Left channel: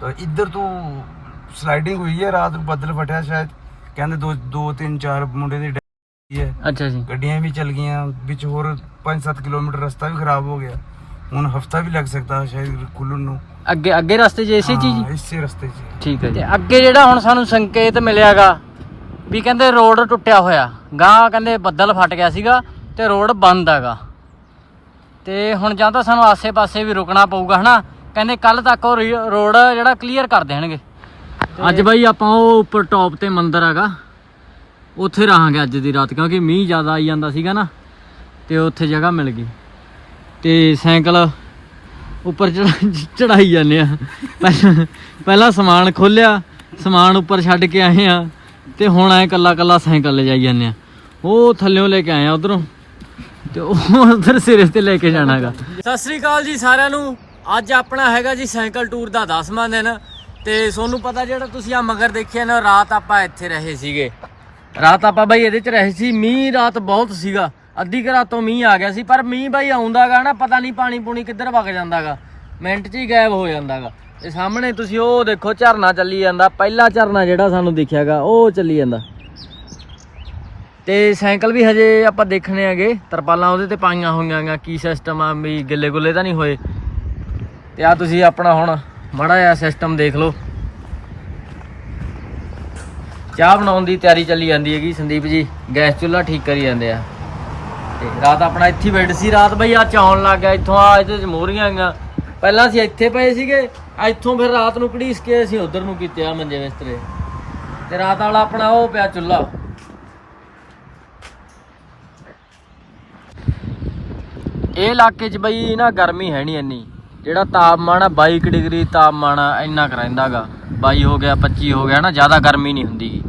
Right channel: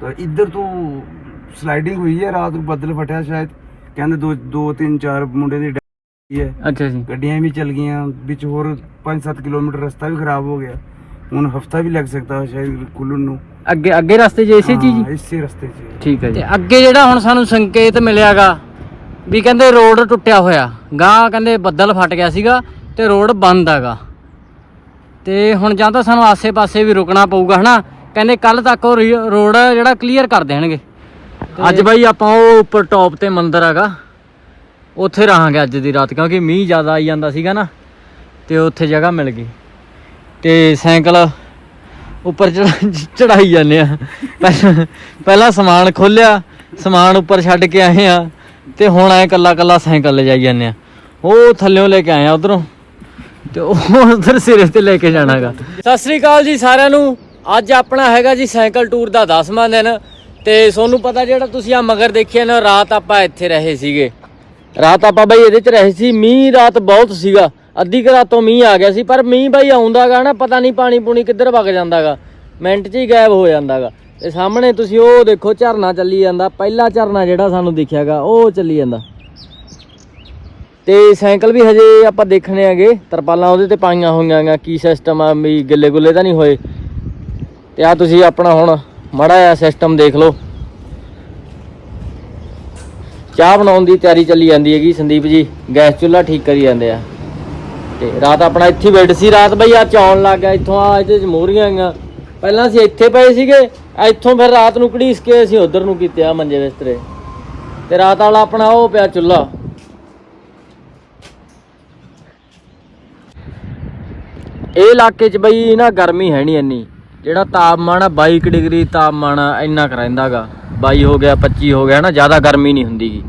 ਤਾਂ ਇੱਧਰ ਤੋਂ ਸਲਾਈਡਿੰਗ ਹੋਈ ਹੈ ਰਾਤ ਨੂੰ ਬੱਦਲ ਫਟਿਆ ਸ਼ਾਇਦ। ਕਹਿੰਦੇ ਦੋ ਦੋ ਤਿੰਨ ਚਾਰ ਮੁੰਡੇ ਦੀ ਹੋਈ ਹੈ। ਅੱਛਾ ਜੀ। ਗੱਡੀਆਂ ਵੀ ਚੱਲ ਗਈਆਂ ਵਿੱਚ ਹੋਰ 5-7 ਕਿਲੋਮੀਟਰ ਰਸਤਾ ਵੀ ਖਰਾਬ ਹੋ ਗਿਆ। ਹੁਣ ਹਫਤਾ ਵੀ ਲੱਗ ਸਕਦਾ ਸ਼ਾਇਦ ਖੁੱਲਣ ਨੂੰ। ਅੱਗੇ ਅੱਗੇ ਰਸਤੇ 'ਚ ਇਸੇ ਚੀਜ਼ ਹਾਂ, ਇਸੇ ਰਸਤੇ 'ਚ। ਠੀਕ ਹੈ ਜੀ। ਅੱਗੇ ਜਿਹੜਾ ਹੁਣ ਸਾਨੂੰ ਸੰਕੇਤ ਮਿਲਿਆਗਾ ਵੀ ਕਹਿੰਦੇ ਰੋਡ ਟੁੱਟਿਆ ਹੋਇਆ ਗਾਂ ਕਹਿੰਦੇ ਬੱਦਲ ਫਟ ਗਿਆ ਸੀਗਾ ਤੇ ਰੋਡ ਬੰਦ ਹੈਗਾ। ਤੇ ਹੁਣ ਜਾਂ ਤਾਂ ਸਾਨੂੰ ਆਸੇ-ਪਾਸੇ ਵੀ ਰੁਕਣਾ ਪਊਗਾ ਹਨਾ? ਕਹਿੰਦੇ ਕੱਲ ਤੱਕ ਉਹ ਰੀ- ਰੋਡ ਜਿਹੜਾ ਕਲੀਅਰ ਕਰ ਦੇਣਗੇ। ਅੱਜ ਬਾਈ ਆਪਾਂ ਉਹ ਉੱਪਰ ਟੌਪ ਤੇ ਮੰਦਿਰ ਹੈਗਾ। ਉੱਥੇ ਰਹਾਂਗੇ ਅੱਜ ਦੀ ਰਾਤ ਕਿਉਂਕਿ ਮੀਂਹ ਜ਼ਿਆਦਾ ਆਈ ਜਾਂਦਾ ਸੀਗਾ ਨਾ ਤੇ ਉੱਥੇ ਜਗ੍ਹਾ ਮਿਲ ਗਈ। ਤੇ ਸਾਈਕਲ ਉੱਪਰ ਚੜਾਈ ਜਾਂਦੇ ਆ। ਪਹਿਲਾਂ- ਪਹਿਲਾਂ ਸਮਾਨ ਖੋਲਿਆ ਸਮਾਨ ਉੱਪਰ ਛੱਡ ਕੇ ਆਏ ਆ ਤੇ ਹੁਣ ਐ ਕੱਲਾ ਕੱਲਾ ਸਾਈਕਲ ਲੈ ਜਾਈ ਜਾਂਦੇ ਆ। ਉਹ ਥੱਲਿਓਂ ਲੈ ਕੇ ਆਏ ਆ ਉਧਰੋਂ ਤੇ ਉਹ ਉਧਰ ਸਿਰੇ ਤੇ ਲੈ ਕੇ ਜਾਣਾਗਾ। ਸਤਿ ਸ੍ਰੀ ਅਕਾਲ ਜੀ ਸਾਰਿਆਂ ਨੂੰ। ਅੱਜ ਆਪਣਾ ਹੈਗਾ ਜੀ ਸਾਈਕਲ ਟੂਰ ਦਾ 10ਵਾਂ ਦਿਨ ਤੇ ਤੁਹਾਨੂੰ ਪਤਾ ਜਿਹੜਾ ਤੁਸੀਂ ਆ ਮਗਰ ਦੇਖਿਆ ਨਾ, ਰਾਤ ਆਪਾਂ ਇੱਥੇ ਰਹੇ ਸੀਗੇ। ਰਾਤ ਆਪਾਂ ਬਾਈ ਇਹਦੇ ਚ ਰਹੇ ਸੀ, ਮੀਂਹ ਰਾਤ ਬਹੁਤ ਸੀਗਾ। ਅੱਧੀ ਕੁ ਰਾਤੋਂ ਮੀਂਹ ਆ ਗਿਆ ਸੀ, ਪਰ ਮੀਂਹ ਬਾਈ ਆਉਂਦਾਗਾ ਨਾ, ਪਤਾ ਨਹੀਂ ਪਾਣੀ ਪੂਣੀ ਕਿੱਧਰ ਵਗ ਜਾਂਦਾਗਾ। ਮਿੰਟ 'ਚ ਹੀ ਗਾਇਬ ਹੋ ਜਾਂਦਾਗਾ। ਤੇ ਸਾਹਮਣੇ ਤੁਸੀਂ ਉਹ ਦੇਖੋ, ਝਰਨਾ ਚੱਲੀ ਜਾਂਦਾ। ਪਹਿਲਾ ਝਰਨਾ ਜਿਹੜਾ ਸਾਨੂੰ ਦਿਖਿਆਗਾ, ਉਹ ਚੱਲੀ ਜਾਂਦਾ। ਤੇ ਸਾਈਕਲ ਵੀ ਹਜੇ ਆਪਾਂ ਦੇਖਣੇ ਆਗੇ, ਤਰਪਾਲਾਂ ਉਹਦੇ ਤੇ ਪਾਈਆਂ ਹੋਈਆਂ ਗਾ ਕੀ ਸਿਸਟਮ ਆ, ਵੀ ਗਿੱਲੇ ਗੁੱਲੇ ਤਾਂ ਨਹੀਂ ਹੋਏ। ਤੇ ਆ ਤੁਸੀਂ ਆਪਣਾ ਹੁਣ ਮਾੜਾ ਜਿਹਾ ਸਿਸਟਮ ਦੇਖ ਲਓ। ਚਾਹ ਬਣਾਉਣ ਦੀ ਤਿਆਰੀ ਚੱਲੀ ਜਾਂਦੀ ਹੈਗੀ ਸੰਦੀਪ ਜੀ, ਗੈਸ ਚੁੱਲ੍ਹਾ ਠੀਕ ਕਰੀ ਜਾਂਦੇ ਆ। ਤੇ ਰਾਤ ਆਪਣਾ ਇੱਥੇ ਹੀ ਸੀ, ਰਾਤ ਬਈ ਆ ਚੌਣ ਲੱਗ ਗਿਆ, ਇੱਥੋਂ ਆ ਇਹਦੇ ਚ ਆਈਆਂ। ਪਹਿਲਾਂ ਅਸੀਂ ਇੱਥੇ ਪਏ ਸੀਗੇ ਇੱਥੋਂ ਫਿਰ ਰਾਤ ਨੂੰ ਘੜੀਸ ਕੇ ਅਸੀਂ ਉਧਰ ਨੂੰ ਕੀਤੇ ਆ ਮੰਜੇ ਬਿਸਤਰੇ। ਤੇ ਰਾਤ ਵਾਲਾ ਆਪਣਾ ਉਹ ਪਿਆ ਚੁੱਲ੍ਹਾ। ਇਹ ਇਲਾਕੇ 'ਚ ਬਈ ਨਾ ਗਰਮੀ ਹੈ ਨਹੀਂ ਇੰਨੀ। ਜਿਹੜਾ ਤਾਪਮਾਨ ਆ 22 ਕੁ ਡਿਗਰੀ ਤਾਪਮਾਨ ਇੰਨਾ ਕੁ ਰਹਿੰਦਾਗਾ 22 ਹੋ ਗਿਆ 25 ਹੋ ਗਿਆ, ਨਾ, ਜ਼ਿਆਦਾ ਗਰਮੀ ਨਹੀਂ ਹੁੰਦੀਗੀ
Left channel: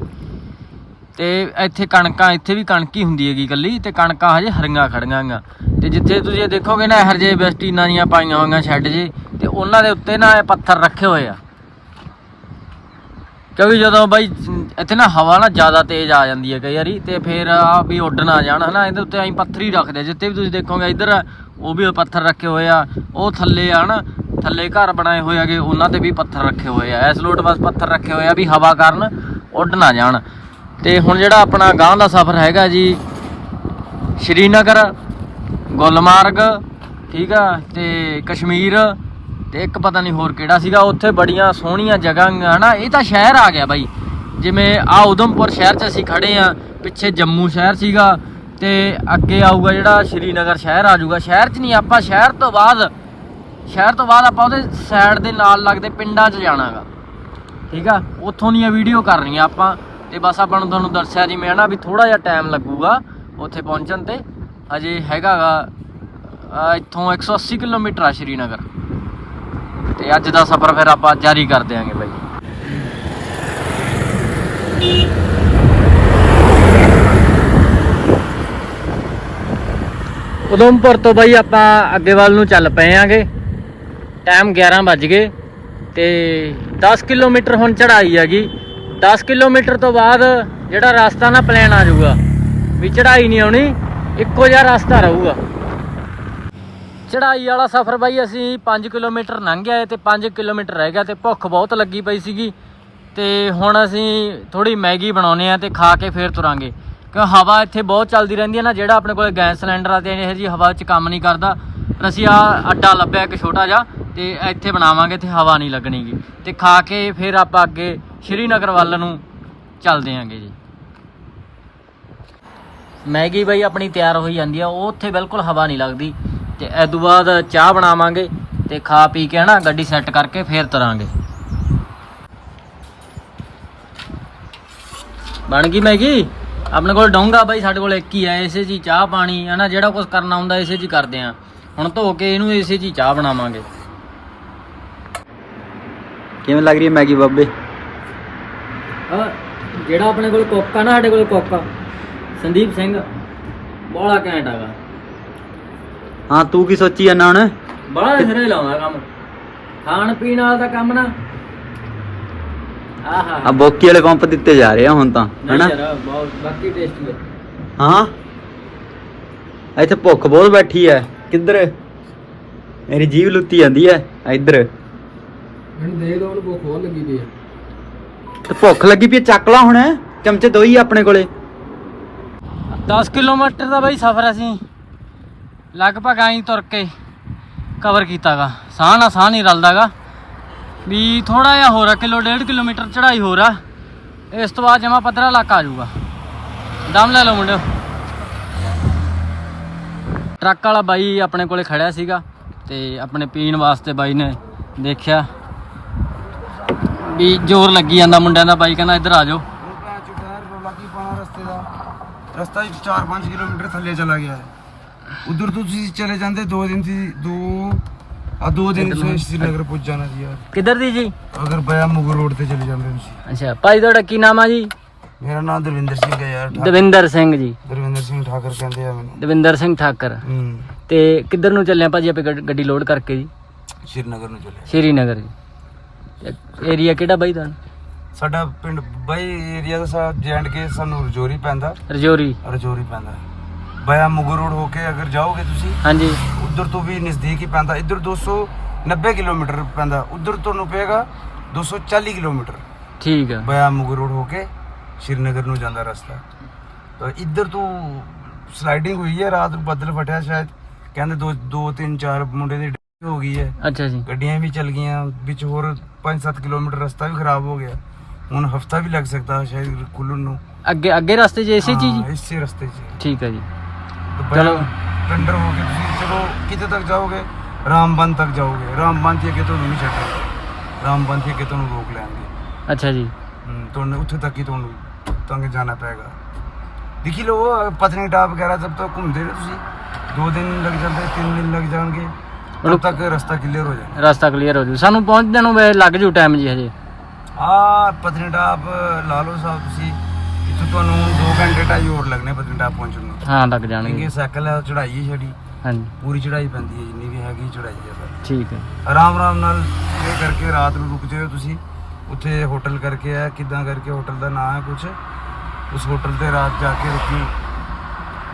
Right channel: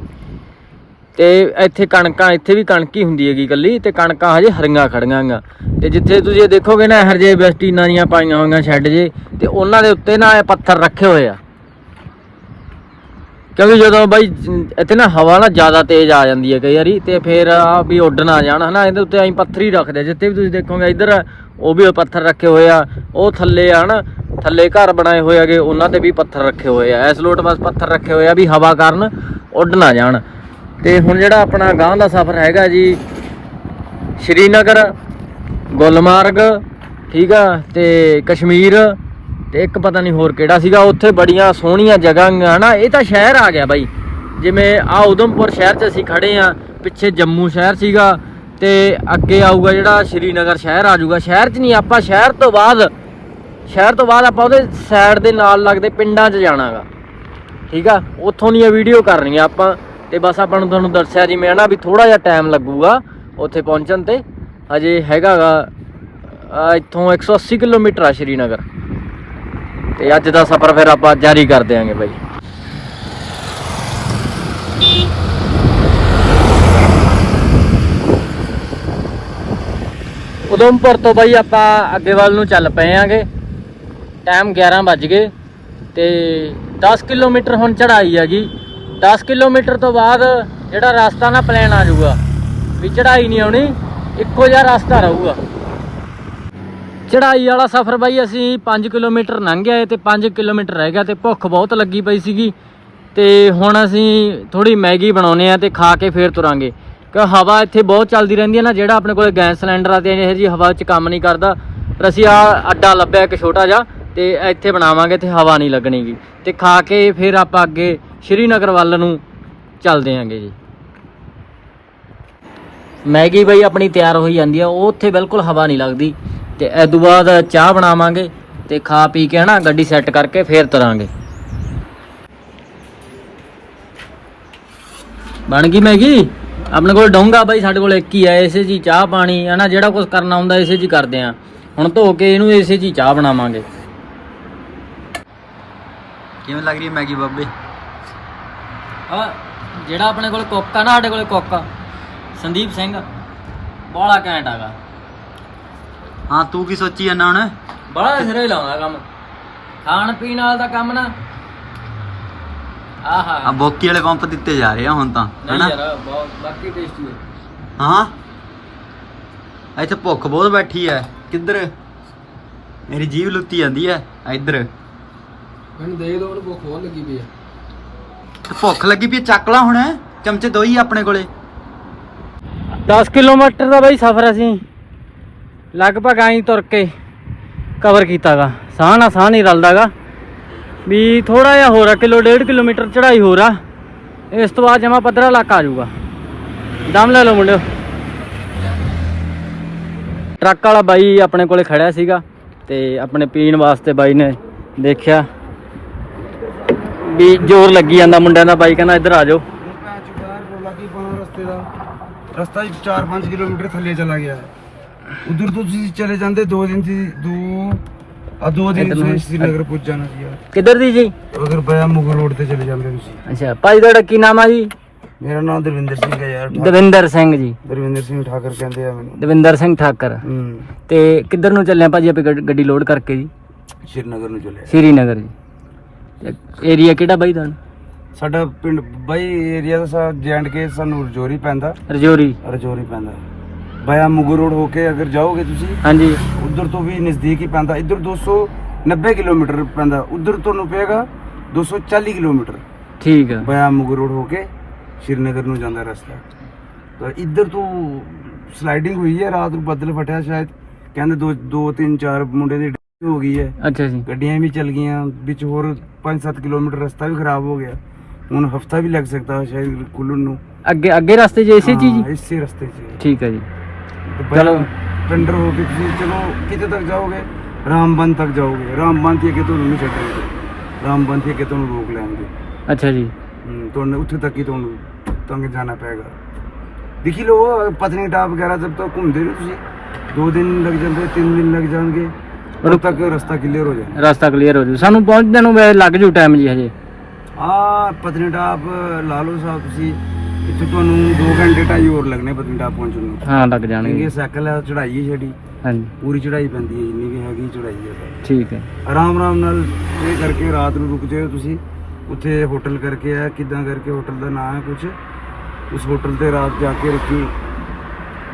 ਤੇ ਇੱਥੇ ਕਣਕਾਂ, ਇੱਥੇ ਵੀ ਕਣਕ ਹੀ ਹੁੰਦੀ ਹੈਗੀ ਕੱਲੀ ਤੇ ਕਣਕਾਂ ਹਜੇ ਹਰੀਆਂ ਖੜੀਆਂ ਗਾ। ਤੇ ਜਿੱਥੇ ਤੁਸੀਂ ਦੇਖੋਗੇ ਨਾ, ਇਹੋ ਜਿਹੇ ਵੈਸਟੀਨਾਂ ਦੀਆਂ ਪਾਈਆਂ ਹੋਈਆਂ ਸ਼ੈੱਡ ਜੇ ਤੇ ਉਹਨਾਂ ਦੇ ਉੱਤੇ ਨਾ ਇਹ ਪੱਥਰ ਰੱਖੇ ਹੋਏ ਆ। ਕਿਉਂਕਿ ਜਦੋਂ ਬਾਈ, ਇੱਥੇ ਨਾ ਹਵਾ ਨਾ ਜ਼ਿਆਦਾ ਤੇਜ਼ ਆ ਜਾਂਦੀ ਹੈ ਕਈ ਵਾਰੀ, ਤੇ ਫਿਰ ਆ ਵੀ ਉੱਡ ਨਾ ਜਾਣ, ਹਨਾ, ਇਹਦੇ ਉੱਤੇ ਅਸੀਂ ਪੱਥਰ ਹੀ ਰੱਖਦੇ ਆ। ਜਿੱਥੇ ਵੀ ਤੁਸੀਂ ਦੇਖੋਗੇ ਇੱਧਰ, ਉਹ ਵੀ ਪੱਥਰ ਰੱਖੇ ਹੋਏ ਆ, ਉਹ ਥੱਲੇ ਆ, ਹਨਾ, ਥੱਲੇ ਘਰ ਬਣਾਏ ਹੋਏ ਹੈਗੇ, ਉਹਨਾਂ ਤੇ ਵੀ ਪੱਥਰ ਰੱਖੇ ਹੋਏ ਆ ਇਸ ਲੋਟ ਬਸ ਪੱਥਰ ਰੱਖੇ ਹੋਏ ਆ ਵੀ ਹਵਾ ਕਾਰਨ ਉੱਡ ਨਾ ਜਾਣ ਤੇ ਹੁਣ ਜਿਹੜਾ ਆਪਣਾ ਗਾਂਹ ਦਾ ਸਫ਼ਰ ਹੈਗਾ ਜੀ, ਸ਼੍ਰੀਨਗਰ, ਗੁਲਮਾਰਗ, ਠੀਕ ਆ, ਤੇ ਕਸ਼ਮੀਰ ਤੇ ਇੱਕ ਪਤਾ ਨਹੀਂ ਹੋਰ ਕਿਹੜਾ ਸੀਗਾ, ਉੱਥੇ ਬੜੀਆਂ ਸੋਹਣੀਆਂ ਜਗ੍ਹਾ ਹਨਾ ਇਹ ਤਾਂ ਸ਼ਹਿਰ ਆ ਗਿਆ ਬਾਈ। ਜਿਵੇਂ ਆ ਉਧਮਪੁਰ ਸ਼ਹਿਰ 'ਚ ਅਸੀਂ ਖੜੇ ਆ, ਪਿੱਛੇ ਜੰਮੂ ਸ਼ਹਿਰ ਸੀਗਾ ਤੇ ਅੱਗੇ ਆਊਗਾ ਜਿਹੜਾ ਸ਼੍ਰੀਨਗਰ ਸ਼ਹਿਰ ਆ ਜਾਊਗਾ। ਸ਼ਹਿਰ 'ਚ ਨਹੀਂ, ਆਪਾਂ ਸ਼ਹਿਰ ਤੋਂ ਬਾਅਦ, ਸ਼ਹਿਰ ਤੋਂ ਬਾਅਦ ਆਪਾਂ ਉਹਦੇ ਸਾਈਡ ਦੇ ਨਾਲ ਲੱਗਦੇ ਪਿੰਡਾਂ 'ਚ ਜਾਣਾਗਾ। ਠੀਕ ਆ? ਉੱਥੋਂ ਦੀਆਂ ਵੀਡੀਓ ਕਰ ਰਹੀਆਂ ਆਪਾਂ, ਤੇ ਬਸ ਆਪਾਂ ਨੂੰ ਤੁਹਾਨੂੰ ਦੱਸਿਆ ਜਿਵੇਂ ਹਨਾ ਵੀ ਥੋੜਾ ਜਿਹਾ ਟਾਈਮ ਲੱਗੂਗਾ ਉੱਥੇ ਪਹੁੰਚਣ ਤੇ। ਹਜੇ ਹੈਗਾਗਾ ਆ ਇੱਥੋਂ 180 ਕਿਲੋਮੀਟਰ ਆ ਸ਼੍ਰੀਨਗਰ। ਤੇ ਅੱਜ ਦਾ ਸਫ਼ਰ ਫਿਰ ਆਪਾਂ ਜਾਰੀ ਕਰ ਦਿਆਂਗੇ ਬਾਈ। ਉਧਮਪੁਰ ਤੋਂ ਬਾਈ ਆਪਾਂ ਅੱਗੇ ਵੱਲ ਨੂੰ ਚੱਲ ਪਏ ਆਂਗੇ। ਟਾਈਮ 11 ਵੱਜ ਗਏ ਤੇ 10 ਕਿਲੋਮੀਟਰ ਹੁਣ ਚੜਾਈ ਹੈਗੀ। 10 ਕਿਲੋਮੀਟਰ ਤੋਂ ਬਾਅਦ ਜਿਹੜਾ ਰਸਤਾ ਨਾ ਪਲਾਨ ਆ ਜਾਊਗਾ, ਵੀ ਚੜਾਈ ਨਹੀਂ ਆਉਣੀ, ਇੱਕੋ ਜਿਹਾ ਰਸਤਾ ਰਹੂਗਾ। ਚੜਾਈ ਵਾਲਾ ਸਫ਼ਰ ਬਾਈ, ਅਸੀਂ 5 ਕਿਲੋਮੀਟਰ ਲੰਘ ਗਏ ਤੇ 5 ਕਿਲੋਮੀਟਰ ਰਹਿ ਗਿਆ ਤੇ ਭੁੱਖ ਬਹੁਤ ਲੱਗੀ ਪਈ ਸੀਗੀ। ਤੇ ਹੁਣ ਅਸੀਂ ਥੋੜੀ ਮੈਗੀ ਬਣਾਉਨੇ ਆ ਤੇ ਖਾ ਕੇ ਫੇਰ ਤੁਰਾਂਗੇ। ਕਿ ਹਵਾ ਇੱਥੇ ਬਹੁਤ ਚੱਲਦੀ ਰਹਿੰਦੀ ਹੈ ਨਾ, ਜਿਹੜਾ ਆਪਣੇ ਕੋਲ ਗੈਸ ਸਿਲੰਡਰ ਆ ਤੇ ਇਹ ਜੀ ਹਵਾ 'ਚ ਕੰਮ ਨਹੀਂ ਕਰਦਾ। ਪਰ ਅਸੀਂ ਆ ਅੱਡਾ ਲੱਭਿਆ ਇੱਕ ਛੋਟਾ ਜਿਹਾ ਤੇ ਇੱਥੇ ਬਣਾਵਾਂਗੇ ਤੇ ਹਵਾ ਨਹੀਂ ਲੱਗਣੀਗੀ ਤੇ ਖਾ ਕੇ ਫਿਰ ਆਪਾਂ ਅੱਗੇ ਸ਼੍ਰੀਨਗਰ ਵੱਲ ਨੂੰ ਚੱਲਦੇ ਆਂਗੇ ਜੀ। ਮੈਗੀ ਬਈ ਆਪਣੀ ਤਿਆਰ ਹੋਈ ਜਾਂਦੀ ਆ, ਉਹ ਉੱਥੇ ਬਿਲਕੁਲ ਹਵਾ ਨਹੀਂ ਲੱਗਦੀ। ਤੇ ਇਸ ਤੋਂ ਬਾਅਦ ਚਾਹ ਬਣਾਵਾਂਗੇ ਤੇ ਖਾ ਪੀ ਕੇ ਹਨਾ ਗੱਡੀ ਸੈੱਟ ਕਰਕੇ ਫੇਰ ਤਰਾਂਗੇ। ਬਣ ਗਈ ਮੈਗੀ? ਆਪਣੇ ਕੋਲ ਡੋਂਗਾ ਬਾਈ ਸਾਡੇ ਕੋਲ ਇੱਕ ਹੀ ਆ ਇਸੇ 'ਚ ਚਾਹ ਪਾਣੀ, ਹਨਾ ਜਿਹੜਾ ਕੁਝ ਕਰਨਾ ਹੁੰਦਾ ਇਸੇ 'ਚ ਹੀ ਕਰਦੇ ਆ। ਹੁਣ ਧੋ ਕੇ ਇਹਨੂੰ ਇਸੇ 'ਚ ਹੀ ਚਾਹ ਬਣਾਵਾਂਗੇ। ਕਿਵੇਂ ਲੱਗ ਰਹੀ ਹੈ ਮੈਗੀ ਬਾਬੇ? ਹਾਂ, ਜਿਹੜਾ ਆਪਣੇ ਕੋਲ ਕੁੱਕ ਆ ਨਾ, ਸਾਡੇ ਕੋਲ ਕੁੱਕ। ਸੰਦੀਪ ਸਿੰਘ, ਬੋਲਾ ਘੈਂਟ ਹੈਗਾ। ਹਾਂ ਤੂੰ ਕੀ ਸੋਚੀ ਜਾਂਦਾ ਹੁਣ? ਬੜਾ ਸਿਰੇ ਲਾਉਂਦਾ ਕੰਮ। ਖਾਣ ਪੀਣ ਵਾਲਾ ਤਾਂ ਕੰਮ ਨਾ। ਆਹਾ। ਆ ਬੋਕੀ ਵਾਲੇ ਪੰਪ ਦਿੱਤੇ ਜਾ ਰਹੇ ਆ ਹੁਣ ਤਾਂ ਹੈਨਾ? ਨਹੀਂ ਯਾਰ, ਬਹੁਤ ਬਾਕੀ ਟੇਸਟੀ ਹੈ? ਹਾਂ ਇੱਥੇ ਭੁੱਖ ਬਹੁਤ ਬੈਠੀ ਐ। ਕਿੱਧਰ? ਮੇਰੀ ਜੀਭ ਲੁੱਤੀ ਜਾਂਦੀ ਐ ਇੱਧਰ। ਮੈਨੂੰ ਦੇ ਦੋ ਉਹਨੂੰ ਭੁੱਖ ਹੋਰ ਲੱਗੀ ਪਈ ਆ ਤੇ ਭੁੱਖ ਲੱਗੀ ਪਈ ਆ, ਚੱਕ ਲਾ ਹੁਣ। ਚਮਚੇ ਦੋ ਹੀ ਆਪਣੇ ਕੋਲੇ। 10 ਕਿਲੋਮੀਟਰ ਦਾ ਬਾਈ ਸਫ਼ਰ ਅਸੀਂ। ਲਗਭਗ ਆਈ ਤੁਰ ਕੇ ਕਵਰ ਕੀਤਾਗਾ। ਸਾਹ ਨਾਲ ਸਾਹ ਨਹੀਂ ਰਲਦਾਗਾ। ਵੀ ਥੋੜਾ ਜਿਹਾ ਹੋਰ ਆ, ਕਿਲੋ ਡੇਢ ਕਿਲੋਮੀਟਰ ਚੜਾਈ ਹੋਰ ਆ। ਇਸ ਤੋਂ ਬਾਅਦ ਜਮਾ ਪੱਧਰਾ ਇਲਾਕਾ ਆ ਜਾਊਗਾ। ਦਮ ਲੈ ਲਓ ਮੁੰਡਿਓ। ਟਰੱਕ ਵਾਲਾ ਬਾਈ ਆਪਣੇ ਕੋਲੇ ਖੜਿਆ ਸੀਗਾ ਤੇ ਆਪਣੇ ਪੀਣ ਵਾਸਤੇ ਬਾਈ ਨੇ ਦੇਖਿਆ। ਵੀ ਜ਼ੋਰ ਲੱਗੀ ਜਾਂਦਾ ਮੁੰਡਿਆਂ ਦਾ, ਬਾਈ ਕਹਿੰਦਾ ਇੱਧਰ ਆ ਜਾਓ। ਹੁਣ ਪੈ ਰਸਤੇ ਦਾ। ਰਸਤਾ 4-5 ਕਿਲੋਮੀਟਰ ਥੱਲੇ ਚਲਾ ਗਿਆ ਹੈ। ਉਧਰ ਤੋਂ ਤੁਸੀਂ ਚਲੇ ਜਾਂਦੇ ਦੋ ਦਿਨ ਦੀ ਦੋ ਆ ਦੋ ਦਿਨ ਤੁਸੀਂ ਸ਼੍ਰੀਨਗਰ ਪੁੱਜ ਜਾਣਾ ਸੀ ਕਿੱਧਰ ਦੀ ਜੀ? ਅਗਰ ਬਿਆ ਮੁਗਲ ਰੋਡ ਤੇ ਚਲੇ ਜਾਂਦੇ ਤੁਸੀਂ। ਅੱਛਾ ਭਾਈ ਤੁਹਾਡਾ ਕੀ ਨਾਮ ਆ ਜੀ? ਮੇਰਾ ਨਾਮ ਦਰਵਿੰਦਰ ਸਿੰਘ ਹੈ ਯਾਰ। ਦਵਿੰਦਰ ਸਿੰਘ ਜੀ। ਦਰਵਿੰਦਰ ਸਿੰਘ ਠਾਕਰ ਕਹਿੰਦੇ ਆ ਮੈਨੂੰ। ਦਵਿੰਦਰ ਸਿੰਘ ਠਾਕਰ। ਹੂੰ। ਤੇ ਕਿੱਧਰ ਨੂੰ ਚੱਲੇ ਆ ਭਾਜੀ ਆਪੇ ਗੱਡ- ਲੋਡ ਕਰਕੇ ਜੀ? ਸ਼੍ਰੀਨਗਰ ਨੂੰ ਚਲੇ ਸ਼੍ਰੀਨਗਰ ਜੀ। ਏਰੀਆ ਕਿਹੜਾ ਬਾਈ ਤੁਹਾਨੂੰ? ਸਾਡਾ ਪਿੰਡ ਬਾਈ ਏਰੀਆ ਦਾ ਸਾ ਜੈਂਡ ਕੇ ਸਾਨੂੰ ਰਜੋਰੀ ਪੈਂਦਾ। ਰਜੌਰੀ। ਰਜੋਰੀ ਪੈਂਦਾ। ਮੁਗਲ ਰੋਡ ਹੋ ਕੇ ਅਗਰ ਜਾਓਗੇ ਤੁਸੀਂ ਹਾਂਜੀ ਉਧਰ ਤੋਂ ਵੀ ਨਜ਼ਦੀਕ ਹੀ ਪੈਂਦਾ ਇੱਧਰ 290 ਕਿਲੋਮੀਟਰ ਪੈਂਦਾ ਉਧਰ ਤੁਹਾਨੂੰ ਪਏਗਾ 240 ਕਿਲੋਮੀਟਰ ਠੀਕ ਆ ਬਿਆ ਮੁਗਲ ਰੋਡ ਹੋ ਕੇ ਸ਼੍ਰੀਨਗਰ ਨੂੰ ਜਾਂਦਾ ਰਸਤਾ ਤਾਂ ਇੱਧਰ ਤੋਂ ਸਲਾਈਡਿੰਗ ਹੋਈ ਹੈ ਰਾਤ ਨੂੰ ਬੱਦਲ ਫਟਿਆ ਸ਼ਾਇਦ ਕਹਿੰਦੇ ਦੋ ਦੋ ਤਿੰਨ ਚਾਰ ਮੁੰਡੇ ਦੀ death ਹੋ ਗਈ ਹੈ ਅੱਛਾ ਜੀ ਗੱਡੀਆਂ ਵੀ ਚੱਲ ਗਈਆਂ ਵਿੱਚ ਹੋਰ 5-7 ਕਿਲੋਮੀਟਰ ਰਸਤਾ ਵੀ ਖਰਾਬ ਹੋ ਗਿਆ ਹੁਣ ਹਫਤਾ ਵੀ ਲੱਗ ਸਕਦਾ ਹੈ ਸ਼ਾਇਦ ਖੁੱਲਣ ਨੂੰ ਅੱਗੇ ਅੱਗੇ ਰਸਤੇ 'ਚ ਇਸੇ ਚੀਜ਼ ਹਾਂ, ਇਸੇ ਰਸਤੇ 'ਚ ਠੀਕ ਹੈ ਜੀ ਚਲੋ। ਟੰਡਰ ਹੋ ਕੇ ਤੁਸੀਂ ਚਲੋ ਕਿਤੇ ਤੱਕ ਜਾਓਗੇ ਰਾਮਬਨ ਤੱਕ ਜਾਓਗੇ। ਰਾਮਬਨ ਤੇ ਅੱਗੇ ਤੁਹਾਨੂੰ ਨਹੀਂ ਛੱਡਣਗੇ। ਰਾਮਬਨ ਤੇ ਅੱਗੇ ਤੁਹਾਨੂੰ ਰੋਕ ਲੈਣਗੇ। ਅੱਛਾ ਜੀ। ਹਮ, ਤੁਹਾਨੂੰ ਉੱਥੇ ਤੱਕ ਹੀ ਤੁਹਾਨੂੰ ਤੰਗ ਜਾਣਾ ਪਏਗਾ। ਦੇਖੀ ਲੋ ਪਤਨੀਟਾਪ ਵਗੈਰਾ ਜਦ ਤੱਕ ਘੁੰਮਦੇ ਰਹੋ ਤੁਸੀਂ। ਦੋ ਦਿਨ ਲੱਗ ਜਾਂਦੇ ਤਿੰਨ ਦਿਨ ਲੱਗ ਜਾਣਗੇ। ਉਦੋਂ ਤੱਕ ਰਸਤਾ ਕਲੀਅਰ ਹੋ ਜਾਏ ਰਸਤਾ ਕਲੀਅਰ ਹੋ ਜੂ ਸਾਨੂੰ ਪਹੁੰਚਣ ਨੂੰ ਵੈਸੇ ਲੱਗ ਜੂ ਟਾਈਮ ਜੀ ਹਜੇ। ਆ ਪਤਨੀਟਾਪ ਲਾ ਲਓ ਸਾਹਿਬ ਤੁਸੀਂ। ਇੱਥੇ ਤੁਹਾਨੂੰ 2 ਘੰਟੇ ਢਾਈ ਹੋਰ ਲੱਗਣੇ ਪਤਨੀਟਾਪ ਪਹੁੰਚਣ ਨੂੰ। ਹਾਂ ਲੱਗ ਕਿਉਂਕਿ ਜਾਣਗੇ ਇਹ ਸਾਈਕਲ ਆ ਚੜਾਈ ਹੈ ਛੜੀ ਹਾਂਜੀ। ਪੂਰੀ ਚੜਾਈ ਪੈਂਦੀ ਹੈ ਜਿੰਨੀ ਵੀ ਹੈਗੀ ਚੜਾਈ ਹੈ ਸਰ। ਠੀਕ ਹੈ। ਆਰਾਮ ਆਰਾਮ ਨਾਲ ਇਹ ਕਰਕੇ ਰਾਤ ਨੂੰ ਰੁਕ ਜਾਓ ਤੁਸੀਂ। ਉੱਥੇ ਹੋਟਲ ਕਰਕੇ ਆ ਕਿਦਾਂ ਕਰਕੇ ਹੋਟਲ ਦਾ ਨਾਮ ਹੈ ਕੁਝ ਉਸ ਹੋਟਲ ਤੇ ਰਾਤ ਜਾ ਕੇ ਰੁਕੀ।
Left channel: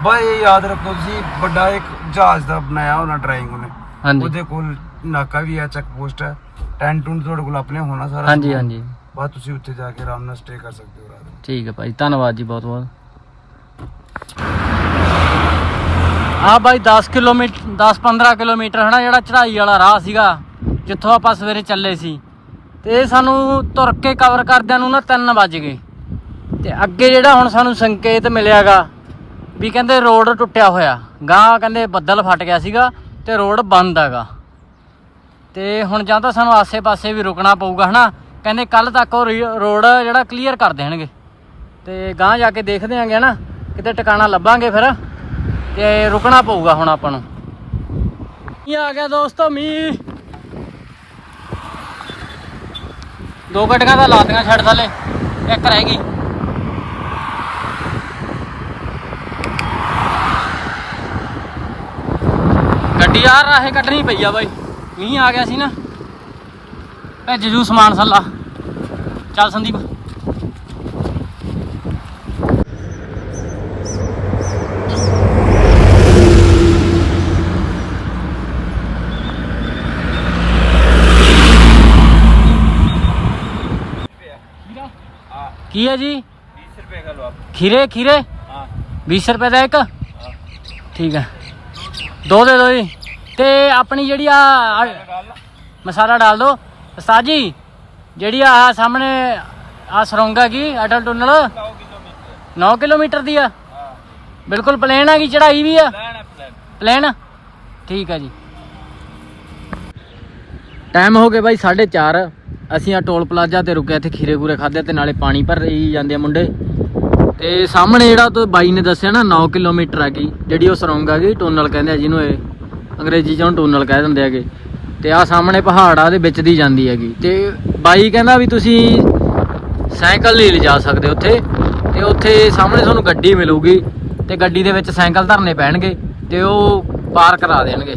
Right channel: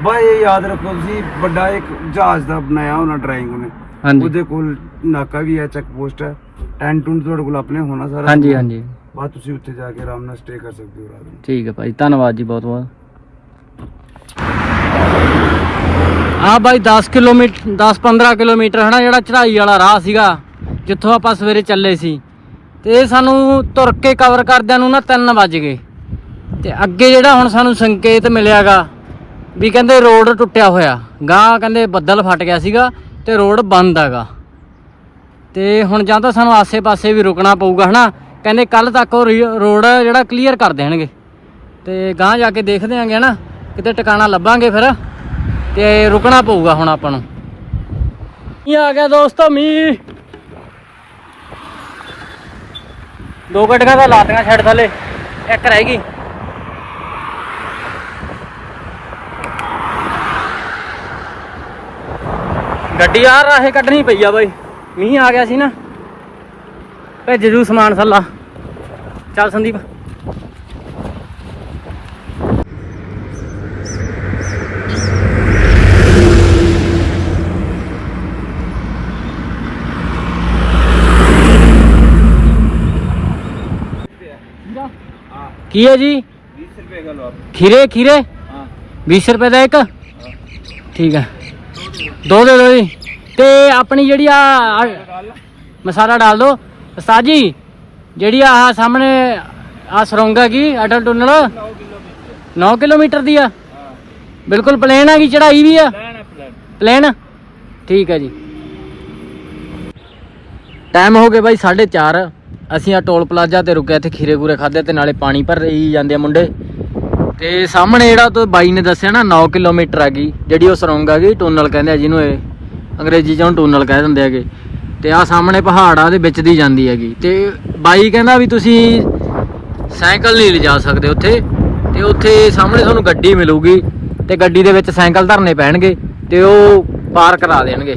ਬਾ ਇਹ ਯਾਦ ਰੱਖੋ ਤੁਸੀਂ ਵੱਡਾ ਇੱਕ ਜਹਾਜ਼ ਦਾ ਬਣਾਇਆ ਉਹਨਾਂ ਡਰਾਇੰਗ ਉਹਨੇ। ਹਾਂਜੀ। ਉਹਦੇ ਕੋਲ ਨਾਕਾ ਵੀ ਹੈ ਚੈੱਕ ਪੋਸਟ ਹੈ। ਟੈਂਟ ਟੂੰਟ ਤੁਹਾਡੇ ਕੋਲ ਆਪਣੇ ਹੋਣਾ ਸਾਰਾ ਹਾਂਜੀ ਹਾਂਜੀ। ਬਾਅਦ ਤੁਸੀਂ ਉੱਥੇ ਜਾ ਕੇ ਆਰਾਮ ਨਾਲ ਸਟੇ ਕਰ ਸਕਦੇ ਹੋ ਰਾਤ ਨੂੰ। ਠੀਕ ਹੈ ਭਾਈ, ਧੰਨਵਾਦ ਜੀ ਬਹੁਤ ਬਹੁਤ। ਆ ਬਾਈ 10 ਕਿਲੋਮੀਟਰ 10-15 ਕਿਲੋਮੀਟਰ ਹਨਾ, ਜਿਹੜਾ ਚੜਾਈ ਵਾਲਾ ਰਾਹ ਸੀਗਾ, ਜਿੱਥੋਂ ਆਪਾਂ ਸਵੇਰੇ ਚੱਲੇ ਸੀ। ਤੇ ਇਹ ਸਾਨੂੰ ਤੁਰ ਕੇ ਕਵਰ ਕਰਦਿਆਂ ਨੂੰ ਨਾ 3 ਵੱਜ ਗਏ। ਤੇ ਅੱਗੇ ਜਿਹੜਾ ਹੁਣ ਸਾਨੂੰ ਸੰਕੇਤ ਮਿਲਿਆਗਾ ਵੀ ਕਹਿੰਦੇ ਰੋਡ ਟੁੱਟਿਆ ਹੋਇਆ। ਗਾਂ ਕਹਿੰਦੇ ਬੱਦਲ ਫਟ ਗਿਆ ਸੀਗਾ ਤੇ ਰੋਡ ਬੰਦ ਹੈਗਾ। ਤੇ ਹੁਣ ਜਾਂ ਤਾਂ ਸਾਨੂੰ ਆਸੇ-ਪਾਸੇ ਵੀ ਰੁਕਣਾ ਪਊਗਾ ਹਨਾ। ਕਹਿੰਦੇ ਕੱਲ ਤੱਕ ਉਹ ਰੀ- ਰੋਡ ਜਿਹੜਾ ਕਲੀਅਰ ਕਰ ਦੇਣਗੇ। ਤੇ ਗਾਂ ਜਾ ਕੇ ਦੇਖਦੇ ਆਂਗੇ ਨਾ ਕਿਤੇ ਟਿਕਾਣਾ ਲੱਭਾਂਗੇ ਫਿਰ, ਤੇ ਰੁਕਣਾ ਪਊਗਾ ਹੁਣ ਆਪਾਂ ਨੂੰ। ਮੀਂਹ ਆ ਗਿਆ ਦੋਸਤੋ, ਮੀਂਹ। ਦੋ ਗੱਡੀਆਂ ਤਾਂ ਲਾਤੀਆਂ ਛੱਡ ਥੱਲੇ, ਇੱਕ ਰਹਿ ਗਈ। ਗੱਡੀ ਆ ਰਾਹੇ ਕੱਢਣੀ ਪਈ ਆ ਬਾਈ, ਮੀਂਹ ਆ ਗਿਆ ਸੀ ਨਾ। ਭੇਜ ਜੂ ਸਮਾਨ ਸੱਲਾ ਚੱਲ ਸੰਦੀਪ। ਕੀ ਹੈ ਜੀ? 20 ਰੁਪਏ ਦਾ ਲਓ ਖੀਰੇ ਖੀਰੇ? ਹਾਂ। 20 ਰੁਪਏ ਦਾ ਇੱਕ? ਠੀਕ ਹੈ। ਦੋ ਦੇ ਦੋ ਜੀ। ਤੇ ਆਪਣੀ ਜਿਹੜੀ ਆ ਆ- ਮਸਾਲਾ ਡਾਲ ਦੋ। ਉਸਤਾਦ ਜੀ ਜਿਹੜੀ ਆ ਸਾਹਮਣੇ ਆ ਸਰੋਂਗ ਹੈਗੀ ਅਟਲ ਟੁੰਨਲ। 9 ਕਿਲੋਮੀਟਰ ਦੀ ਆ। ਬਿਲਕੁਲ ਪਲੇਨ ਹੈਗੀ ਚੜਾਈ ਵੀ ਆ। ਪਲੇਨ ਠੀਕ ਹੈ ਜੀ। ਟਾਈਮ ਹੋ ਗਿਆ ਬਾਈ 4:30 ਅਸੀਂ ਆ ਟੋਲ ਪਲਾਜ਼ਾ ਤੇ ਰੁਕੇ ਇੱਥੇ ਖੀਰੇ ਗੂਰੇ ਖਾਦੇ ਤੇ ਨਾਲੇ ਪਾਣੀ ਭਰ ਰਹੀ ਜਾਂਦੇ ਆ ਮੁੰਡੇ। ਤੇ ਸਾਹਮਣੇ ਜਿਹੜਾ ਤੋਂ ਬਾਈ ਨੇ ਦੱਸਿਆ ਨਾ 9 ਕਿਲੋਮੀਟਰ ਹੈਗੀ ਜਿਹੜੀ ਉਹ ਸਰੋਂਗ ਹੈਗੀ ਟੂਨਲ ਕਹਿੰਦੇ ਆ ਜਿਹਨੂੰ ਇਹ। ਅੰਗਰੇਜ਼ੀ ਚ ਉਹਨੂੰ ਟੂਨਲ ਕਹਿ ਦਿੰਦੇ ਹੈਗੇ। ਤੇ ਆ ਸਾਹਮਣੇ ਪਹਾੜ ਆ ਦੇ ਵਿੱਚ ਦੀ ਜਾਂਦੀ ਹੈਗੀ। ਤੇ ਬਾਈ ਕਹਿੰਦਾ ਵੀ ਤੁਸੀਂ ਸਾਈਕਲ ਨਹੀਂ ਲਿਜਾ ਸਕਦੇ ਉੱਥੇ। ਤੇ ਉੱਥੇ ਸਾਹਮਣੇ ਤੁਹਾਨੂੰ ਗੱਡੀ ਮਿਲੂਗੀ ਤੇ ਗੱਡੀ ਦੇ ਵਿੱਚ ਸਾਈਕਲ ਧਰਨੇ ਪੈਣਗੇ ਤੇ ਉਹ ਪਾਰ ਕਰਾ ਦੇਣਗੇ।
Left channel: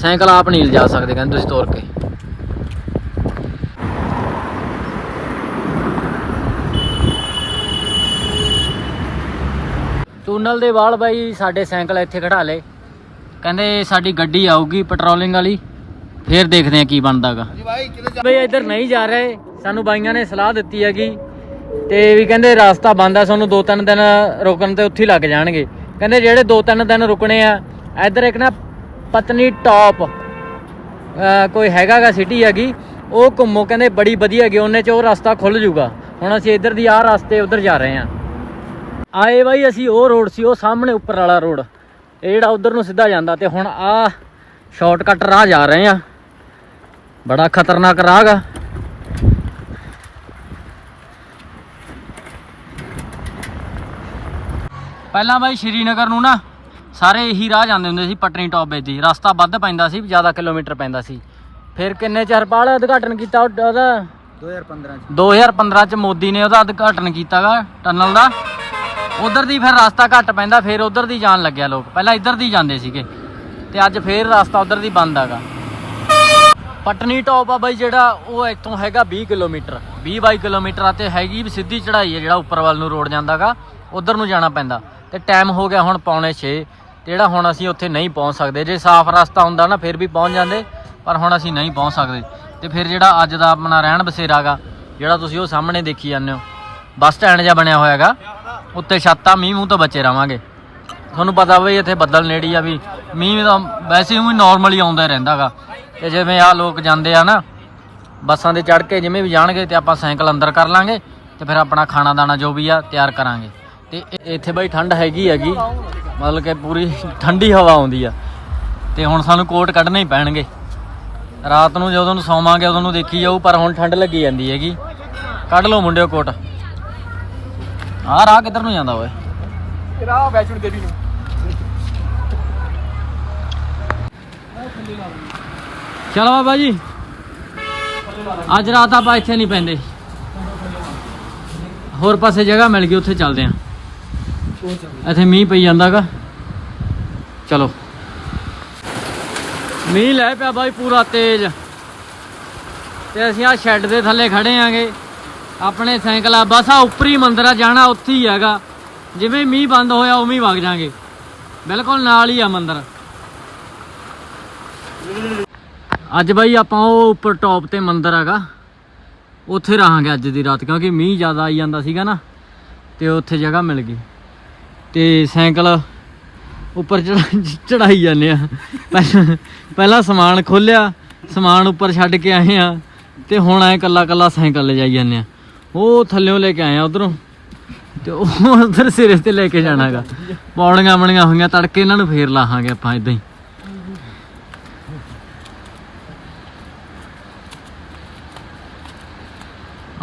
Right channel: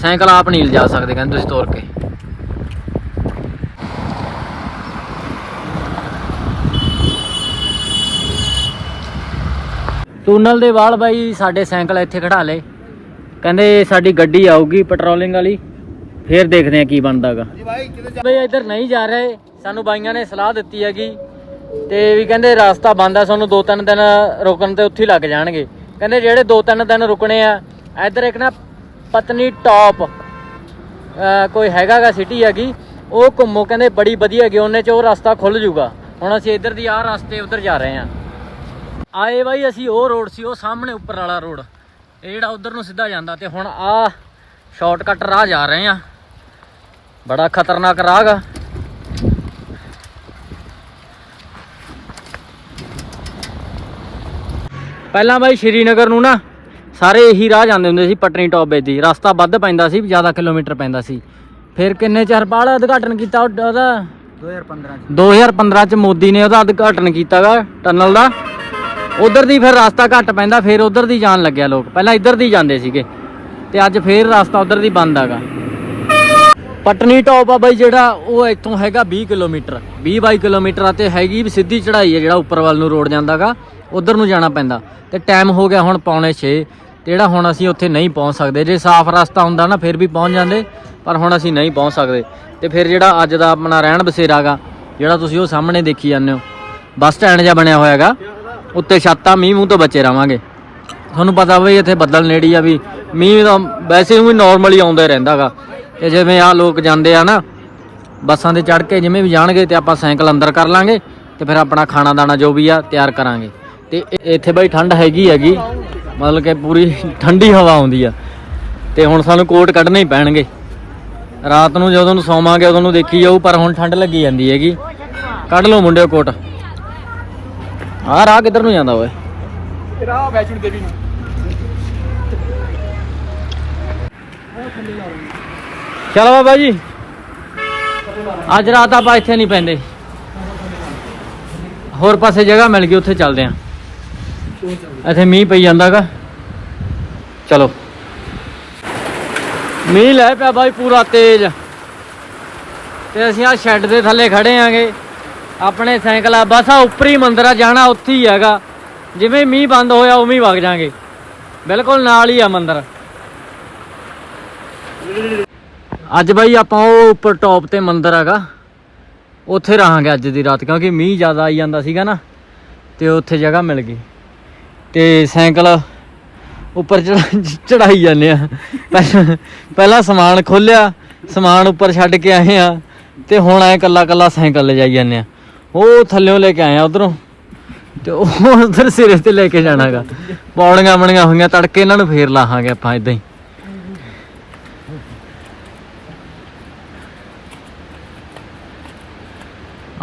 ਸਾਈਕਲ ਆਪ ਨਹੀਂ ਲਿਜਾ ਸਕਦੇ, ਕਹਿੰਦੇ ਤੁਸੀਂ ਤੋਰ ਕੇ। ਟੂਨਲ ਦੇ ਵਾਲ ਬਾਈ ਸਾਡੇ ਸਾਈਕਲ ਇੱਥੇ ਖੜਾ ਲਏ। ਕਹਿੰਦੇ ਸਾਡੀ ਗੱਡੀ ਆਊਗੀ ਪੈਟਰੋਲਿੰਗ ਵਾਲੀ। ਫੇਰ ਦੇਖਦੇ ਆ ਕੀ ਬਣਦਾਗਾ ਜੀ ਭਾਈ ਕਿਤੇ ਬਈ ਜਾ ਰਹੇ। ਸਾਨੂੰ ਬਾਈਆਂ ਨੇ ਸਲਾਹ ਦਿੱਤੀ ਹੈਗੀ। ਤੇ ਵੀ ਕਹਿੰਦੇ ਰਸਤਾ ਬੰਦ ਆ ਸਾਨੂੰ ਦੋ ਤਿੰਨ ਦਿਨ ਰੁਕਣ ਤੇ ਉੱਥੇ ਲੱਗ ਜਾਣਗੇ। ਕਹਿੰਦੇ ਜਿਹੜੇ ਦੋ ਤਿੰਨ ਦਿਨ ਰੁਕਣੇ ਆ ਇੱਧਰ ਇੱਕ ਨਾ ਪਤਨੀ ਟਾਪ ਕੋਈ ਹੈਗਾਗਾ ਸਿਟੀ ਹੈਗੀ ਉਹ ਘੁੰਮੋ ਕਹਿੰਦੇ ਬੜੀ ਵਧੀਆ ਹੈਗੀ ਉਹਨੇ ਚ ਉਹ ਰਸਤਾ ਖੁੱਲ ਜੂਗਾ। ਹੁਣ ਅਸੀਂ ਇੱਧਰ ਦੀ ਆਹ ਰਸਤੇ ਉੱਧਰ ਜਾ ਰਹੇ ਹਾਂ। ਆਏ ਬਾਈ ਅਸੀਂ ਉਹ ਰੋਡ ਸੀ ਉਹ ਸਾਹਮਣੇ ਉੱਪਰ ਵਾਲਾ ਰੋਡ ਇਹ ਜਿਹੜਾ ਉਧਰ ਨੂੰ ਸਿੱਧਾ ਜਾਂਦਾ ਤੇ ਹੁਣ ਆ ਸ਼ਾਰਟਕਟ ਰਾਹ ਜਾ ਰਹੇ ਆ ਬੜਾ ਖਤਰਨਾਕ ਰਾਹ ਗਾ। ਪਹਿਲਾਂ ਬਾਈ ਸ਼੍ਰੀਨਗਰ ਨੂੰ ਨਾ ਸਾਰੇ ਇਹੀ ਰਾਹ ਜਾਂਦੇ ਹੁੰਦੇ ਸੀ ਪਟਨੀ ਟੌਪ ਵਿੱਚ ਦੀ। ਰਸਤਾ ਵੱਧ ਪੈਂਦਾ ਸੀ ਜ਼ਿਆਦਾ ਕਿਲੋਮੀਟਰ ਪੈਂਦਾ ਸੀ। ਫਿਰ ਕਿੰਨੇ ਚਿਰ ਬਾਅਦ ਉਦਘਾਟਨ ਕੀਤਾ ਉਹ- ਉਹਦਾ? 2015 2015 ਚ। ਮੋਦੀ ਨੇ ਉਹਦਾ ਉਦਘਾਟਨ ਕੀਤਾਗਾ ਟਨਲ ਦਾ। ਉਧਰ ਦੀ ਫਿਰ ਰਸਤਾ ਘੱਟ ਪੈਂਦਾ ਫਿਰ ਉਧਰ ਦੀ ਜਾਣ ਲੱਗਿਆ ਲੋਕ। ਪਹਿਲਾਂ ਇੱਧਰ ਦੀ ਜਾਂਦੇ ਸੀਗੇ। ਤੇ ਅੱਜ ਫਿਰ ਰਸਤਾ ਉਧਰ ਦੀ ਬੰਦ ਹੈਗਾ ਪਟਨੀ ਟੌਪ ਆ ਬਾਈ ਜਿਹੜਾ ਉਹ ਇੱਥੋਂ ਹੈਗਾ 20 ਕਿਲੋਮੀਟਰ 20 22 ਕਿਲੋਮੀਟਰ ਆ ਤੇ ਹੈਗੀ ਵੀ ਸਿੱਧੀ ਚੜ੍ਹਾਈ ਹੈ ਜਿਹੜਾ ਉੱਪਰ ਵੱਲ ਨੂੰ ਰੋਡ ਜਾਂਦਾਗਾ, ਉਧਰ ਨੂੰ ਜਾਣਾ ਪੈਂਦਾ। ਤੇ ਟਾਈਮ ਹੋ ਗਿਆ ਹੁਣ ਪੌਣੇ 6 ਤੇ ਜਿਹੜਾ ਹੁਣ ਅਸੀਂ ਉੱਥੇ ਨਹੀਂ ਪਹੁੰਚ ਸਕਦੇ। ਜੇ ਸਾਫ਼ ਰਸਤਾ ਹੁੰਦਾ ਨਾ, ਫਿਰ ਵੀ ਪਹੁੰਚ ਜਾਂਦੇ, ਪਰ ਹੁਣ ਅਸੀਂ ਨਹੀਂ ਪਹੁੰਚ ਸਕਦੇ। ਤੇ ਫਿਰ ਜਿਹੜਾ ਅੱਜ ਦਾ ਆਪਣਾ ਰਹਿਣ ਬਸੇਰਾਗਾ, ਜਿਹੜਾ ਤੁਸੀਂ ਉਹ ਸਾਹਮਣੇ ਦੇਖੀ ਜਾਂਦੇ ਹੋ। ਬੱਸ ਸਟੈਂਡ ਜਿਹਾ ਬਣਿਆ ਹੋਇਆ ਹੈਗਾ, ਉੱਤੇ ਛੱਤਾਂ, ਮੀਂਹ ਮੂੰਹ ਤੋਂ ਬਚੇ ਰਵਾਂਗੇ ਤੁਹਾਨੂੰ ਪਤਾ ਬਈ ਇੱਥੇ ਬੱਦਲ ਨੇੜੀ ਆ ਵੀ ਮੀਂਹ ਤਾਂ ਵੈਸੇ ਵੀ ਨਾਰਮਲੀ ਆਉਂਦਾ ਹੀ ਰਹਿੰਦਾਗਾ। ਤੇ ਜਿਵੇਂ ਆ ਲੋਕ ਜਾਂਦੇ ਆ ਨਾ ਬੱਸਾਂ ਤੇ ਚੜ ਕੇ ਜਿਵੇਂ ਵੀ ਜਾਣਗੇ ਤੇ ਆਪਾਂ ਸਾਈਕਲ ਅੰਦਰ ਕਰ ਲਾਂਗੇ ਤੇ ਫਿਰ ਆਪਣਾ ਖਾਣਾ ਦਾਣਾ ਜੋ ਵੀ ਆ ਤਿਆਰ ਕਰਾਂਗੇ। ਤੇ ਇੱਥੇ ਬਈ ਠੰਡ ਹੈਗੀ ਹੈਗੀ ਮਤਲਬ ਕਿ ਪੂਰੀ ਠੰਡੀ ਹਵਾ ਆਉਂਦੀ ਆ। ਤੇ ਹੁਣ ਸਾਨੂੰ ਕੋਟ ਕੱਢਣੇ ਹੀ ਪੈਣਗੇ। ਰਾਤ ਨੂੰ ਜਦੋਂ ਨੂੰ ਸੌਵਾਂਗੇ ਉਦੋਂ ਨੂੰ ਦੇਖੀ ਜਾਊ ਪਰ ਹੁਣ ਠੰਡ ਲੱਗੀ ਜਾਂਦੀ ਹੈਗੀ। ਕੱਢ ਲਓ ਮੁੰਡਿਓ ਕੋਟ। ਆਹ ਰਾਹ ਕਿੱਧਰ ਨੂੰ ਜਾਂਦਾ ਓਏ? ਰਾਹ ਵੈਸ਼ਨੋ ਦੇਵੀ ਨੂੰ। ਚਲੋ ਬਾਬਾ ਜੀ। ਅੱਜ ਰਾਤ ਆਪਾਂ ਇੱਥੇ ਨਹੀਂ ਪੈਂਦੇ। ਹੋਰ ਪਾਸੇ ਜਗ੍ਹਾ ਮਿਲ ਗਈ, ਉੱਥੇ ਚੱਲਦੇ ਆਂ। ਇੱਥੇ ਮੀਂਹ ਪਈ ਜਾਂਦਾਗਾ। ਚਲੋ। ਮੀਂਹ ਲੈ ਪਿਆ ਬਾਈ ਪੂਰਾ ਤੇਜ਼। ਤੇ ਅਸੀਂ ਆ ਸ਼ੈੱਡ ਦੇ ਥੱਲੇ ਖੜੇ ਆਂਗੇ। ਆਪਣੇ ਸਾਈਕਲ ਆ, ਬਸ ਆ ਉੱਪਰੀ ਮੰਦਰ ਆ, ਜਾਣਾ ਉੱਥੇ ਹੀ ਹੈਗਾ। ਜਿਵੇਂ ਮੀਂਹ ਬੰਦ ਹੋਇਆ, ਉਵੇਂ ਹੀ ਵਗ ਜਾਾਂਗੇ। ਬਿਲਕੁਲ ਨਾਲ ਹੀ ਆ ਮੰਦਰ। ਅੱਜ ਬਾਈ ਆਪਾਂ ਉਹ ਉੱਪਰ ਟੌਪ ਤੇ ਮੰਦਿਰ ਹੈਗਾ। ਉੱਥੇ ਰਹਾਂਗੇ ਅੱਜ ਦੀ ਰਾਤ, ਕਿਉਂਕਿ ਮੀਂਹ ਜ਼ਿਆਦਾ ਆਈ ਜਾਂਦਾ ਸੀਗਾ ਨਾ, ਤੇ ਉੱਥੇ ਜਗ੍ਹਾ ਮਿਲ ਗਈ। ਤੇ ਸਾਈਕਲ ਉੱਪਰ ਚੜਾਈ ਜਾਂਦੇ ਆ। ਪਹਿਲਾਂ ਸਮਾਨ ਖੋਲਿਆ ਸਮਾਨ ਉੱਪਰ ਛੱਡ ਕੇ ਆਏ ਆ, ਤੇ ਹੁਣ ਐ ਕੱਲਾ ਕੱਲਾ ਸਾਈਕਲ ਲੈ ਜਾਈ ਜਾਂਦੇ ਆ। ਉਹ ਥੱਲਿਓਂ ਲੈ ਕੇ ਆਏ ਆ ਉਧਰੋਂ, ਤੇ ਉਹ ਉਧਰ ਸਿਰੇ ਤੇ ਲੈ ਕੇ ਜਾਣਾਗਾ। ਪੌੜੀਆਂ ਬਣੀਆਂ ਹੋਈਆਂ, ਤੜਕੇ ਇਹਨਾਂ ਨੂੰ ਫੇਰ ਲਾਹਾਂਗੇ ਆਪਾਂ ਇਦਾਂ ਹੀ।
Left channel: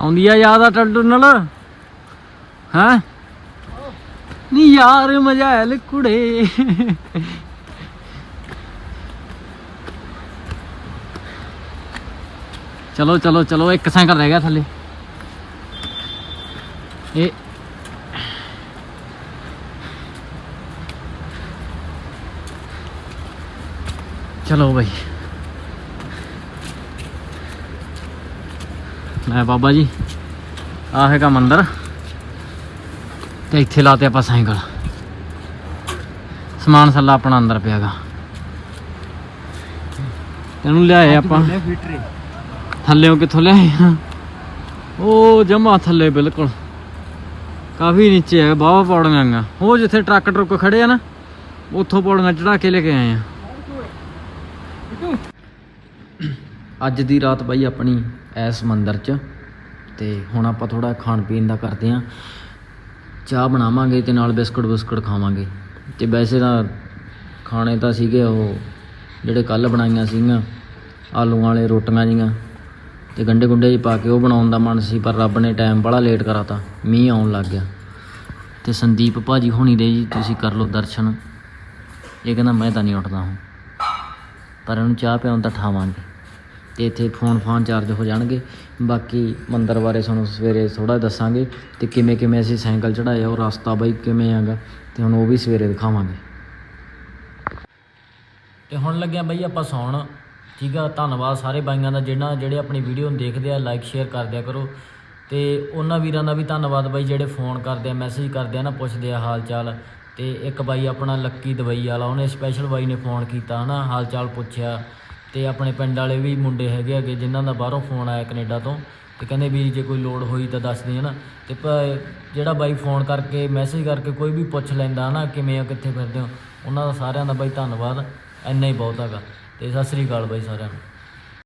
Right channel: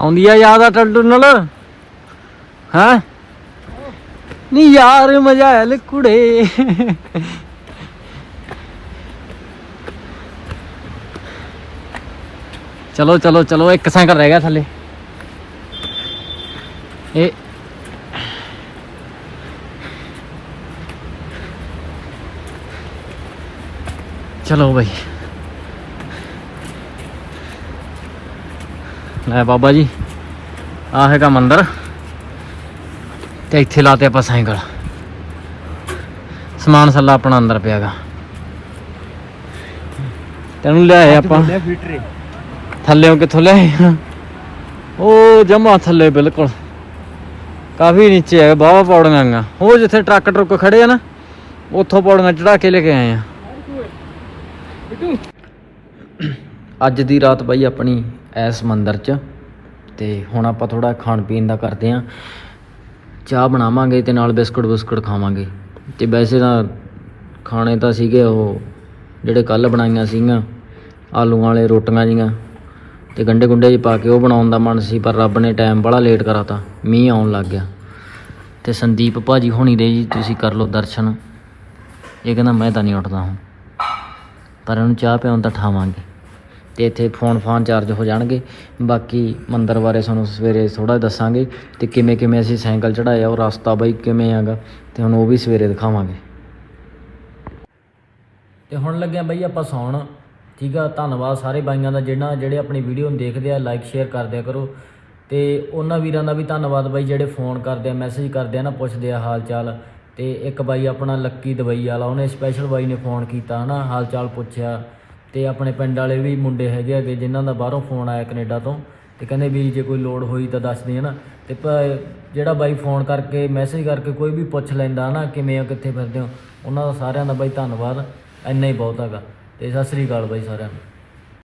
ਆਉਂਦੀ ਆ ਯਾਦ ਆ ਟੱਡੂ ਨਾਲ? ਹਾਂ? ਨੀ ਯਾਰ ਮਜਾਲ ਕੁੜੇ। ਚਲੋ ਚਲੋ ਚਲੋ, ਇੱਕ ਸਾਈਕਲ ਰਹਿ ਗਿਆ ਥੱਲੇ। ਇਹ ਚਲੋ ਬਈ। ਲੈ ਬਾਬਾ ਜੀ ਆ ਹੈਗਾ ਮੰਦਿਰ ਤੇ ਇੱਥੇ ਲਾਤੇ ਆਪਾਂ ਸਾਈਕਲ। ਸਮਾਨ ਸੱਲਾ ਆਪਣਾ ਅੰਦਰ ਪਿਆਗਾ ਤੈਨੂੰ ਲਿਆਏ ਆਪਾਂ। ਥੱਲੇੋਂ ਕਿੱਥੋਂ ਲਿਆਏ? ਉਹ ਜਮਾ ਥੱਲੇ ਬਿਲਕੁਲ। ਕਾਫੀ ਨੀਚੇ ਹੈ ਬਾਵਾ ਪੌੜੀਆਂ ਉਹ ਜਿੱਥੇ ਟਰੱਕ ਟਰੁੱਕ ਖੜੇ ਆ ਨਾ ਉੱਥੋਂ ਪੌੜੀਆਂ ਚੜਾ ਕੇ ਲੈ ਕੇ ਆਏ ਆ। ਅੱਜ ਦੀ ਰਾਤ ਬਾਈ ਆਪਣੀ ਐਸ ਮੰਦਰ 'ਚ। ਤੇ ਹੁਣ ਆਪਾਂ ਥੋੜਾ ਖਾਣ ਪੀਣ ਦਾ ਕਰਦੇ ਆਂ। ਚਾਹ ਬਣਾਵਾਂਗੇ ਤੇ ਨਾਲ ਬਿਸਕੁਟ ਬਿਸਕੁਟ ਖਾਵਾਂਗੇ। ਤੇ ਵੈਸੇ ਤਾਂ ਖਾਣੇ ਤਾਂ ਸੀਗੇ ਉਹ ਜਿਹੜੇ ਕੱਲ ਬਣਾਈਆਂ ਸੀਗੀਆਂ ਆਲੂਆਂ ਵਾਲੇ, ਰੋਟੀਆਂ ਜੀਆਂ। ਤੇ ਗੰਡੇ ਗੁੰਡੇ ਜੀ ਪਾ ਕੇ ਉਹ ਬਣਾਉਣ ਦਾ ਮਨ ਸੀ, ਪਰ ਰੱਬ ਨੇ ਟਾਈਮ ਬੜਾ ਲੇਟ ਕਰਾਤਾ ਮੀਂਹ ਆਉਣ ਲੱਗ ਗਿਆ। ਤੇ ਸੰਦੀਪ ਭਾਜੀ ਹੋਣੀ ਦੇ ਜੀ, ਤੁਸੀਂ ਕਰ ਲਓ ਦਰਸ਼ਨ। ਇਹ ਕਹਿੰਦਾ, ਮੈਂ ਤਾਂ ਨਹੀਂ ਉੱਠਦਾ ਹਾਂ ਪਰ ਇਹਨੂੰ ਚਾਹ ਪਿਆਉਣ ਤਾਂ ਠਾਵਾਂਗੇ। ਤੇ ਇੱਥੇ ਫੋਨ ਫਾਨ ਚਾਰਜ ਹੋ ਜਾਣਗੇ। ਬਾਕੀ ਮੰਦਰ ਬਾਰੇ ਤੁਹਾਨੂੰ ਸਵੇਰੇ ਥੋੜਾ ਦੱਸਾਂਗੇ ਤੇ ਕਿਵੇਂ ਕਿਵੇਂ ਅਸੀਂ ਸਾਈਕਲ ਚੜਾਇਆ ਉਹ ਰਸਤਾ ਬਾਈ ਕਿਵੇਂ ਆਗਾ ਤੇ ਹੁਣ ਉਹ ਵੀ ਸਵੇਰੇ ਦਿਖਾਵਾਂਗੇ। ਤੇ ਹੁਣ ਲੱਗਿਆ ਬਾਈ ਆਪਾਂ ਸੌਣ। ਠੀਕ ਆ, ਧੰਨਵਾਦ ਸਾਰੇ ਬਾਈਆਂ ਦਾ ਜਿਹੜਾ ਜਿਹੜੇ ਆਪਣੀ ਵੀਡੀਓ ਨੂੰ ਦੇਖਦੇ ਆ ਲਾਈਕ ਸ਼ੇਅਰ ਕਰ ਦਿਆ ਕਰੋ। ਤੇ ਉਹਨਾਂ ਵੀਰਾਂ ਦਾ ਵੀ ਧੰਨਵਾਦ ਬਾਈ, ਜਿਹੜੇ ਫੋਨ ਕਰਦੇ ਆ ਮੈਸੇਜ ਕਰਦੇ ਆ ਨਾ, ਪੁੱਛਦੇ ਆ ਹਾਲ ਚਾਲ ਤੇ ਇੱਕ ਬਾਈ ਆਪਣਾ ਲੱਕੀ ਦਵਾਈ ਵਾਲਾ, ਉਹਨੇ ਸਪੈਸ਼ਲ ਬਾਈ ਨੇ ਫੋਨ ਕੀਤਾ ਹਨਾ ਹਾਲ ਚਾਲ ਪੁੱਛਿਆ। ਤੇ ਆਪਣੇ ਪਿੰਡ ਵਾਲੇ ਵੀ ਮੁੰਡੇ ਹੈਗੇ ਹੈਗੇ ਜਿਨ੍ਹਾਂ ਦਾ ਬਾਹਰੋਂ ਫੋਨ ਆਇਆ ਕੈਨੇਡਾ ਤੋਂ ਤੇ ਕਹਿੰਦੇ ਵੀ ਜੇ ਕੋਈ ਲੋੜ ਹੋਈ ਤਾਂ ਦੱਸ ਦੇ ਹਨਾ? ਤੇ ਭ- ਜਿਹੜਾ ਬਾਈ ਫੋਨ ਕਰਕੇ ਮੈਸੇਜ ਕਰਕੇ ਕੋਈ ਵੀ ਪੁੱਛ ਲੈਂਦਾ, ਹਨਾ? ਕਿਵੇਂ ਹੋ ਕਿੱਥੇ ਫਿਰਦੇ ਹੋ? ਉਹਨਾਂ ਦਾ ਸਾਰਿਆਂ ਦਾ ਬਾਈ ਧੰਨਵਾਦ, ਇੰਨਾ ਹੀ ਬਹੁਤ ਹੈਗਾ। ਤੇ ਸਤਿ ਸ੍ਰੀ ਅਕਾਲ ਬਾਈ ਸਾਰਿਆਂ ਨੂੰ।